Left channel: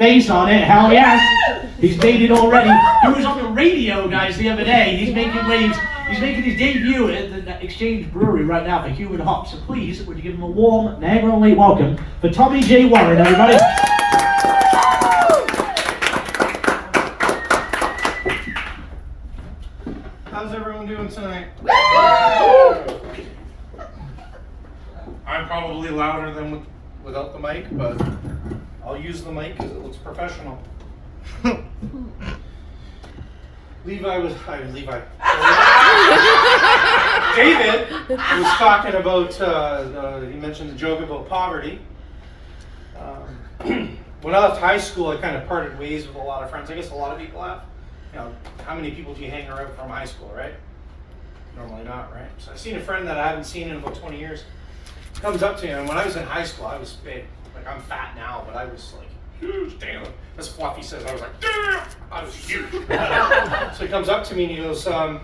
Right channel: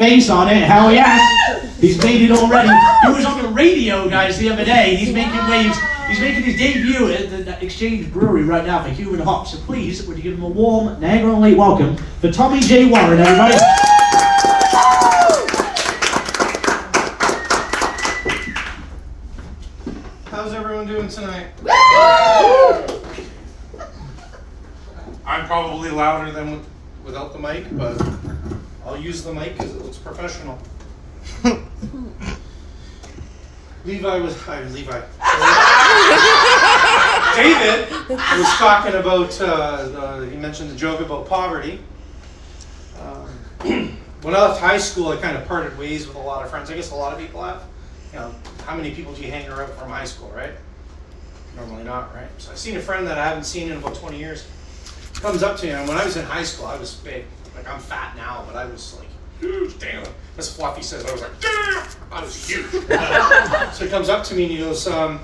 face on it. Hell yes. He's made it already. He was on the radio, guys, the other day. He's making waves. He's making his debut at the Exchange Brewery right now for Human Hops. So please, would you give him a warm Niagara on Lake welcome for Tommy J. Warren, everybody. How's everyone doing tonight? I'm probably louder than without the mic, but I'll use the mic because it looks professional. David was talking about, he mentioned the joke about poverty. When I left high school, I kind of parted ways with a lot of friends. I guess a lot of people have. You know, how many people do you hang around from high school, right? Normally not, right? So I've seen a friend that I haven't seen in about 20 years. Comes up to me, and when I was in high school, I was big. Like, I'm fat now, but I was like huge. Damn. As Fluffy says, I was like, damn! I was huge. So he comes up to me and he goes, how'd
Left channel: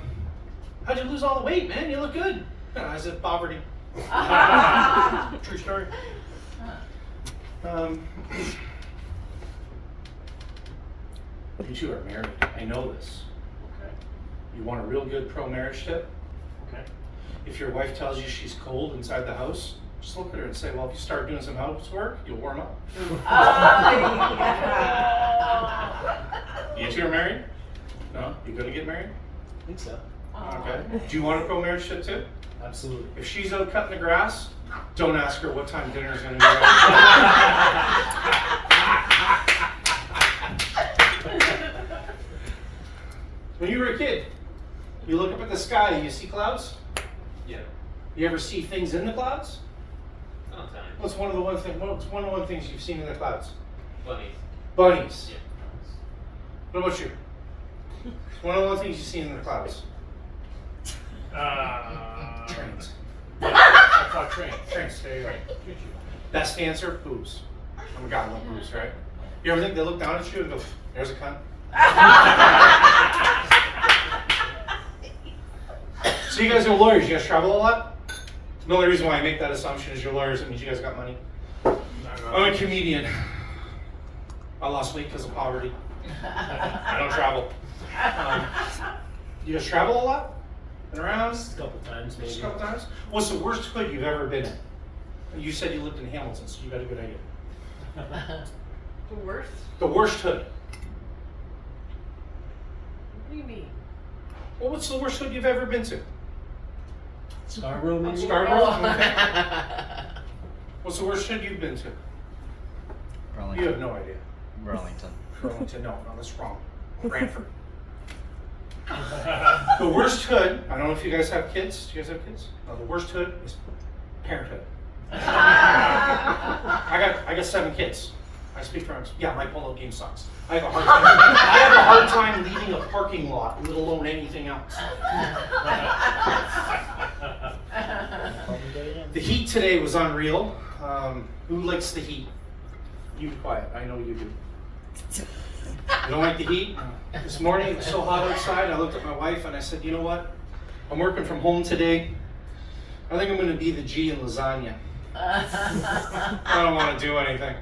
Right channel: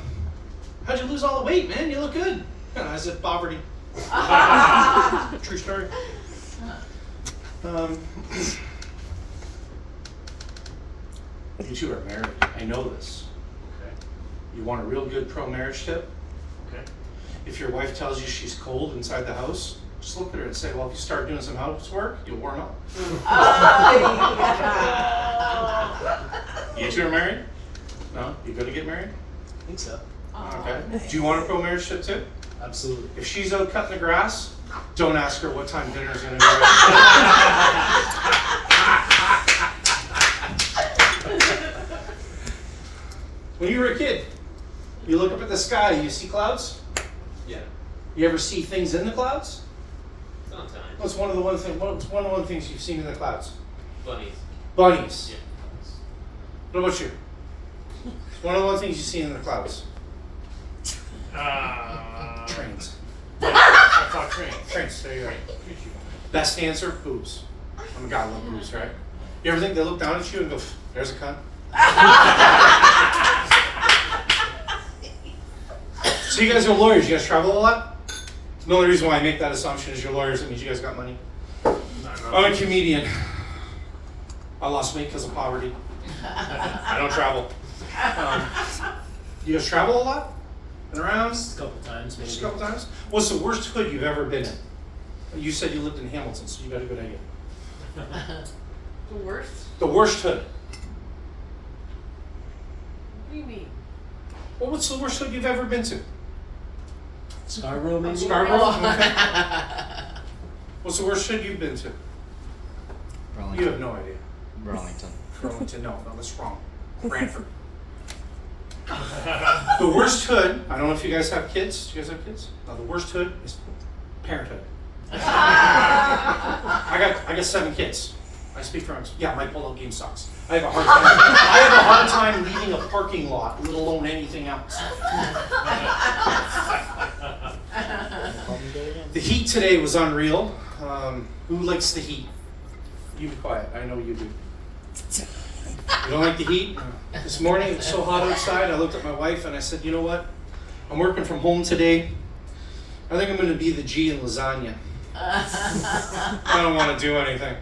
you lose all the weight, man? You look good. And I said, poverty. True story. You two are married. I know this. Okay. You want a real good pro-marriage tip? Okay. If your wife tells you she's cold inside the house, just look at her and say, well, if you start doing some housework, you'll warm up. You two are married? No? You gonna get married? I think so. Okay. Do you want a pro-marriage tip too? Absolutely. If she's out cutting the grass, don't ask her what time dinner's gonna be. When you were a kid, you look up at the sky, you see clouds? Yeah. You ever see things in the clouds? Sometimes. What's one of the things you've seen in the clouds? Bunnies. Bunnies. Yeah. What about you? One of the things you've seen in the clouds? Trains. I thought trains. Trains, there you go. Best answer, boobs. I'm a guy, I love boobs, right? You ever think they look down at you and go, there's a cunt? So you guys are lawyers, you guys travel a lot? The only reason why I make that assumption is you're lawyers, it means you guys got money. I'm a comedian. I lost weight because of poverty. I don't travel. You guys travel a lot? Been around? Just a couple times, maybe. Just a couple times? What's the worst hood you've ever been in? You said you lived in Hamilton, so you got a good idea. The worst? The worst hood. What do you mean? Well, what's the worst hood you've ever been to? Scarborough, maybe? Scarborough? What's the worst hood you've been to? Burlington. You have no idea. Burlington. Burlington, no, that's wrong. Brantford. The worst hood, I don't know if you guys have kids. Do you guys have kids? No, the worst hood is parenthood. I got 7 kids. I speak for myself. Yeah, my polo game sucks. I have a hard time leaving a parking lot, let alone anything else. The heat today was unreal. Who likes the heat? You be quiet. I know you do. You don't like the heat? This morning it was so hot outside. I looked at my wife and I said, you know what? I'm working from home today. I think I'm going to be the G in lasagna. I don't want to do anything.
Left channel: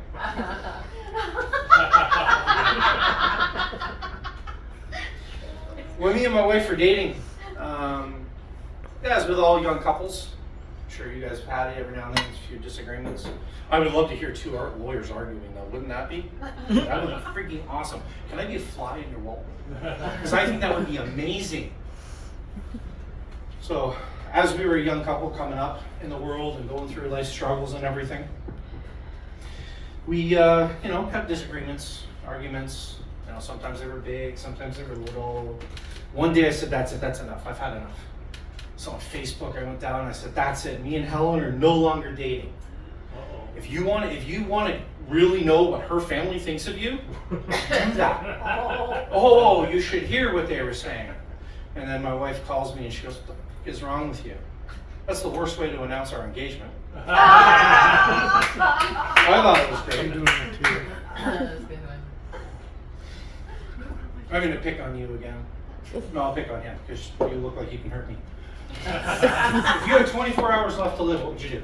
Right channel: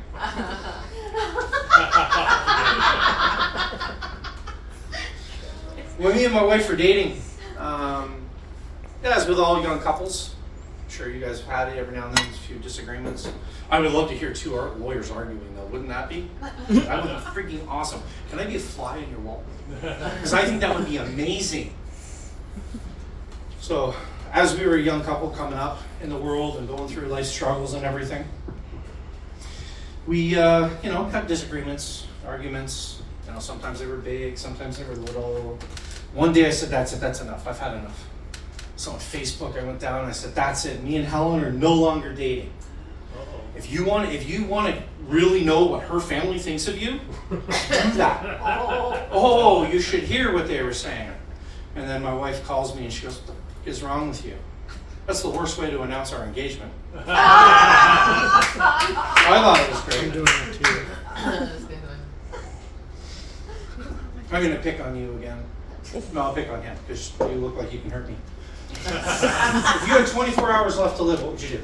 When me and my wife were dating, as with all young couples, I'm sure you guys have had it every now and then, a few disagreements. I would love to hear 2 lawyers arguing though, wouldn't that be? That would be freaking awesome. Can I be a fly in your wall? Because I think that would be amazing. So, as we were a young couple coming up in the world and going through life struggles and everything, we, have disagreements, arguments. You know, sometimes they were big, sometimes they were little. One day I said, that's it, that's enough. I've had enough. So on Facebook, I went down and I said, that's it. Me and Helen are no longer dating. If you want to really know what her family thinks of you, do that. Oh, you should hear what they were saying. And then my wife calls me and she goes, what the f- is wrong with you? That's the worst way to announce our engagement. I thought it was great. I'm doing that too. I'm going to pick on you again. No, I'll pick on him because you look like you can hurt me. If you had 24 hours left to live, what would you do?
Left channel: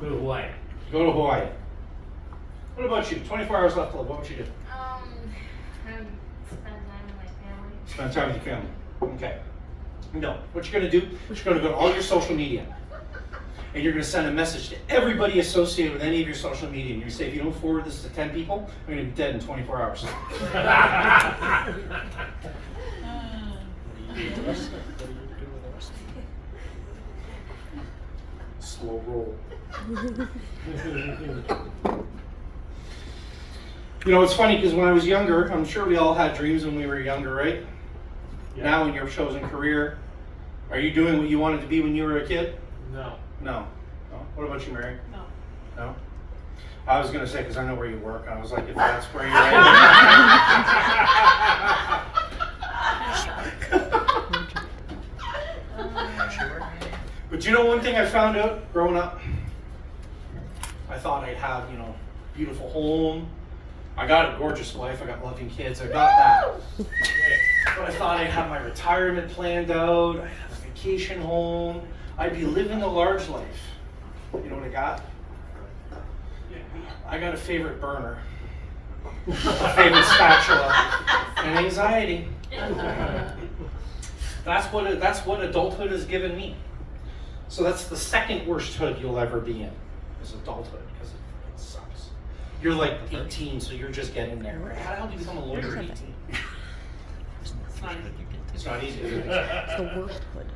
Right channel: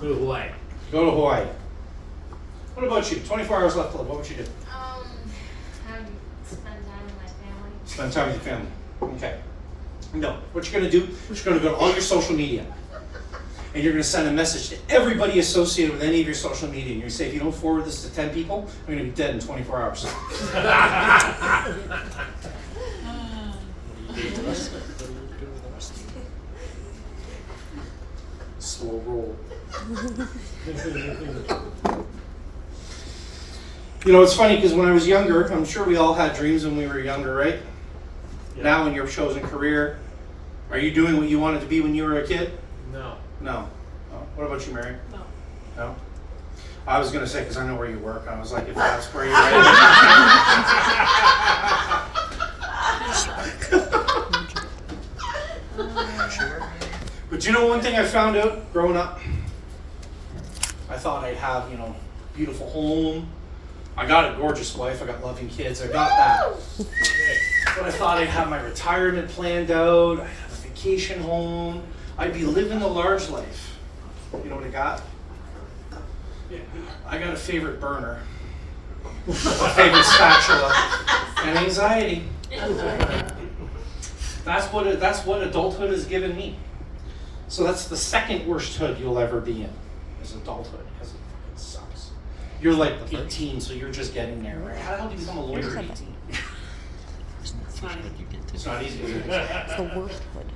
Go to Hawaii. Go to Hawaii. What about you? 24 hours left to live. What would you do? Spend time with my family. Spend time with your family. Okay. No. What you're going to do is you're going to go to all your social media. And you're going to send a message to everybody associated with any of your social media. And you're going to say, if you don't forward this to 10 people, I'm going to be dead in 24 hours. What do you do with the rest of it? What do you do with the rest of it? Slow roll. You know, it's funny because when I was younger, I'm sure we all had dreams when we were younger, right? Yeah. Now in your chosen career, are you doing what you wanted to be when you were a kid? No. No. Oh, what about you, Mary? No. No? I was going to say, because I know where you work. I was like, if that's where you're at. But you know one thing I found out growing up? I thought I'd have, beautiful home. I got a gorgeous wife. I got loving kids. I got that. But I thought I'd have my retirement planned out. I'd have a vacation home. I'd be living the large life. You know what I got? I got a favorite burner, a favorite spatula, and anxiety. That's what adulthood has given me. So that's the second worst hood you'll ever be in, is adulthood, because it sucks. You're like 18, so you're just getting there, right? How the hell do you become a lawyer at 18? It's not easy, is it? The worst hood.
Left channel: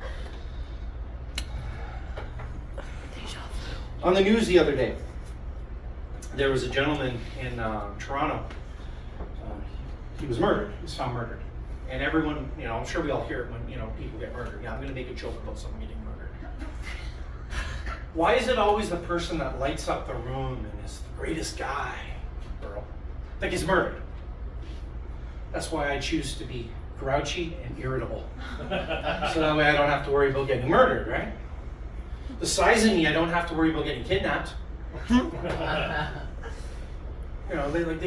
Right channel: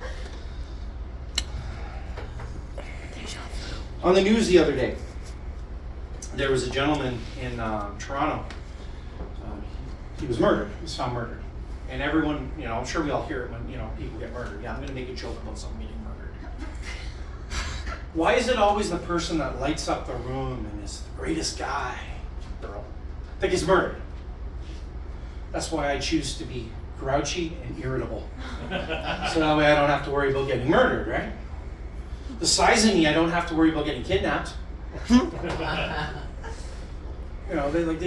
On the news the other day, there was a gentleman in Toronto. He was murdered. He was found murdered. And everyone, I'm sure we all hear it when, people get murdered. Yeah, I'm going to make a joke about someone getting murdered. Why is it always the person that lights up the room and is the greatest guy, girl, that gets murdered? That's why I choose to be grouchy and irritable. So that way I don't have to worry about getting murdered, right? The size of me, I don't have to worry about getting kidnapped. They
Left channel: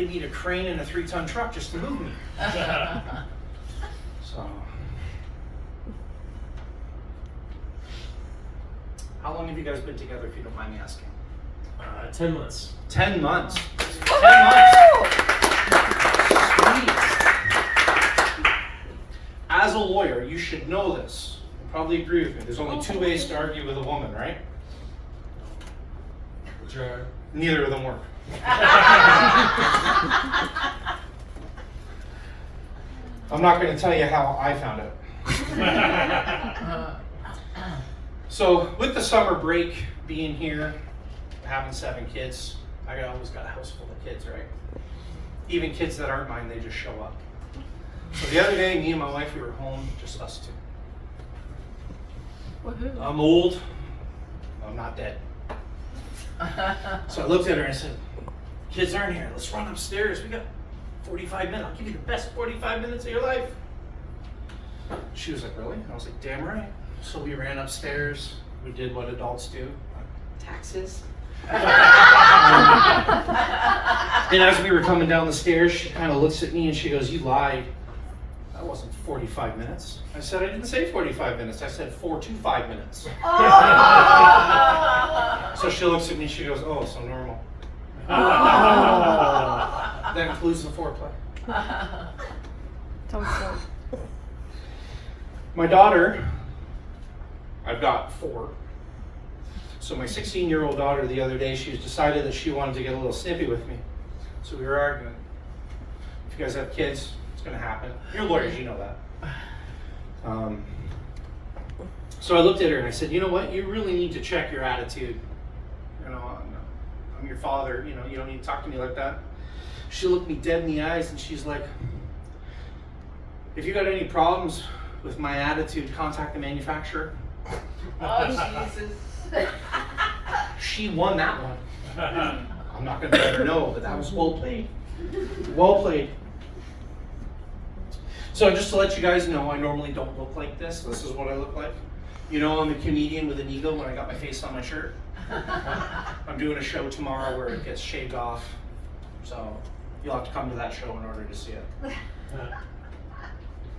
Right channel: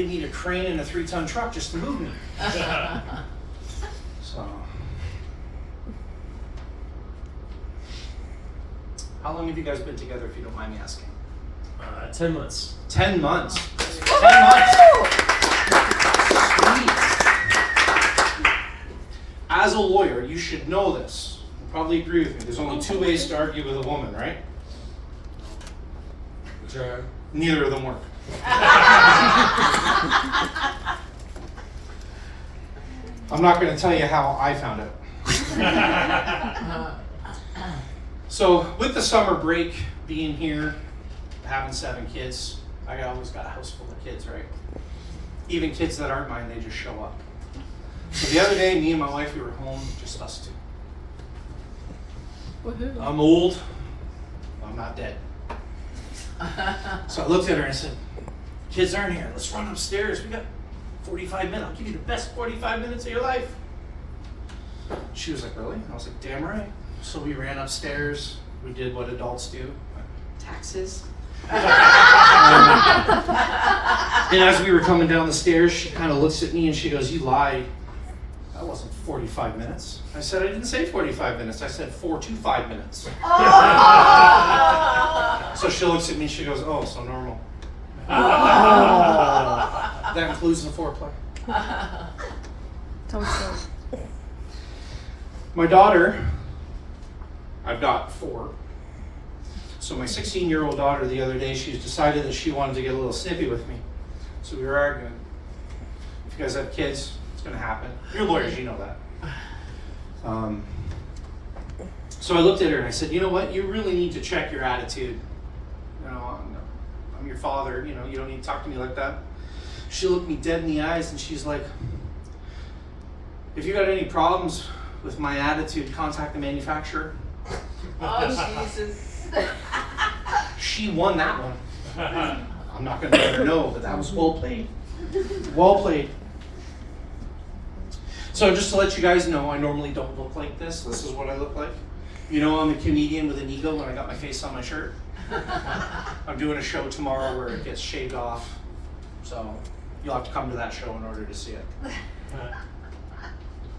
need a crane and a 3-ton truck just to move me. So, how long have you guys been together, if you don't mind me asking? 10 months. 10 months. 10 months. Sweet. As a lawyer, you should know this. You probably agree with me. There's only 2 ways to argue with a woman, right? Sure. Neither of them work. I'm not going to tell you how I found it. So, with the summer break being here, having 7 kids, I always got a house full of kids, right? Even kids that aren't mine, they just show up. So the other day, me and my wife, we were home, just us 2. I'm old. I'm not dead. So I looked at her and I said, kids aren't here. Let's run upstairs. We got 45 minutes. I'll give you the best 45 minutes of your life. She was like, really? I was like, damn right. So we ran upstairs. We did what adults do. Taxes. And as we were coming down the stairs, she kind of looks at me and she goes, you lied. That wasn't 45 minutes. I said, I didn't say 45 minutes. I said 4 to 5 minutes. So she looks at me and she goes, oh, so normal. That includes the foreplay. My daughter, I've got 4. So my 16-year-old daughter the other day, she decided that she wanted to get a little snippy with me. So we were arguing. If you guys have kids, it's going to happen. You're lawyers, you know that. So I looked at her and I said, you know what? You really need to check your attitude. I'm your father. You don't need to talk to me like that. She looked me dead in the eyes and she's like, if you got any problems with my attitude, contact the manufacturer. Oh, Jesus. She won that one. I'm not going to let her know, but that was well played. Well played. So just to let you guys know, I normally don't look like this. This is what I look like. I'm a comedian with an ego when I got my face on my shirt. I'm doing a show tomorrow where it gets shaved off. So you'll have to come to that show in order to see it.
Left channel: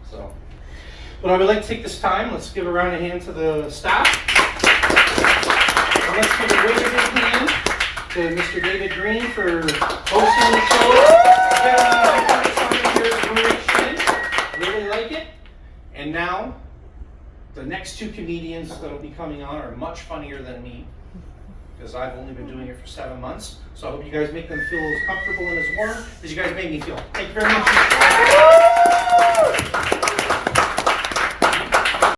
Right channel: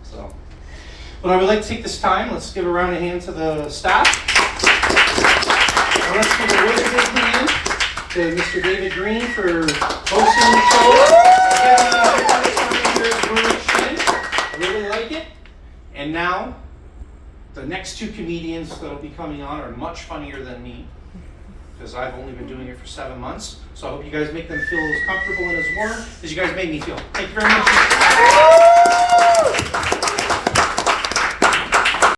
So, but I would like to take this time. Let's give a round of hand to the staff. And let's give a really big hand to Mr. David Green for hosting the show. Again, here at Brewery Exchange. I really like it. And now, the next two comedians that'll be coming on are much funnier than me, because I've only been doing it for 7 months. So I hope you guys make them feel as comfortable and as warm as you guys made me feel. Thank you very much.